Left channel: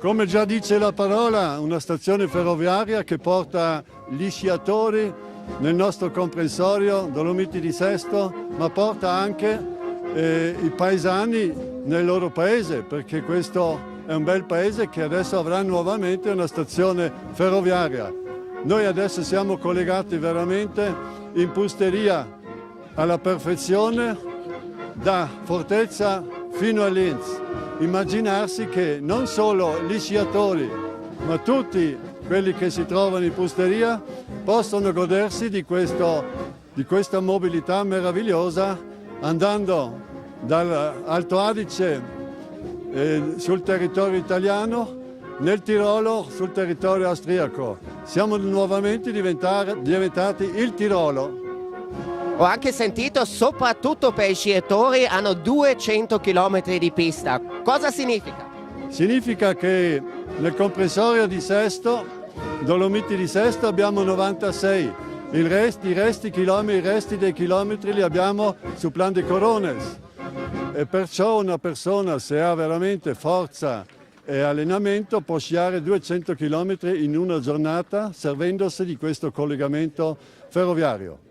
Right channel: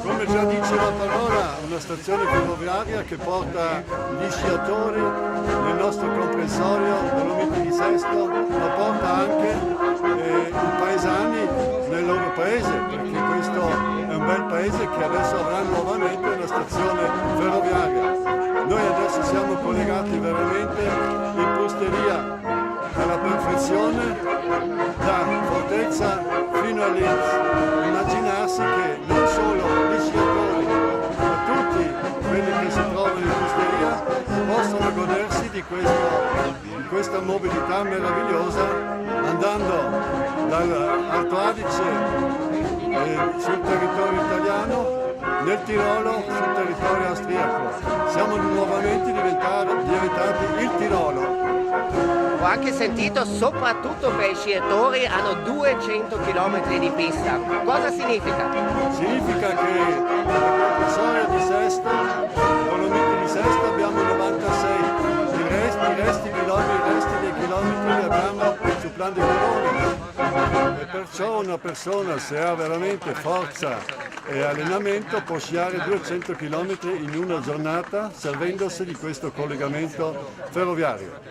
Come già dice la parola, una stazione ferroviaria che porta gli sciatori nel nostro comprensorio Dolomiti di Sesto, ma porta anche i paesani nel loro paese, perché questo è un bel paese che adesso avrà nuovamente una stazione ferroviaria. Noi adesso siamo collegati veramente in Pusteria alla perfezione, da Fortezza fino a Linz. Immaginarsi che non solo gli sciatori, ma tutti quelli che si trovano in Pusteria possono godersi di questa mobilità meravigliosa, andando dall'Alto Adige sul territorio italiano, nel Tirolo sul territorio austriaco. Siamo nuovamente diventati il Tirolo. Ho anche sentito, soprattutto per i sciatori, hanno 200 km di pista. Cosa significa? Significa che nel comprensorio di Sesto, Dolomiti di Sesto, abbiamo 96. I resti dei chilometri li abbiamo su Plan de Corones. E perciò una persona, se ha veramente forza e allenamento, può sciare 200 km in una giornata servendosi di questo collegamento ferroviario.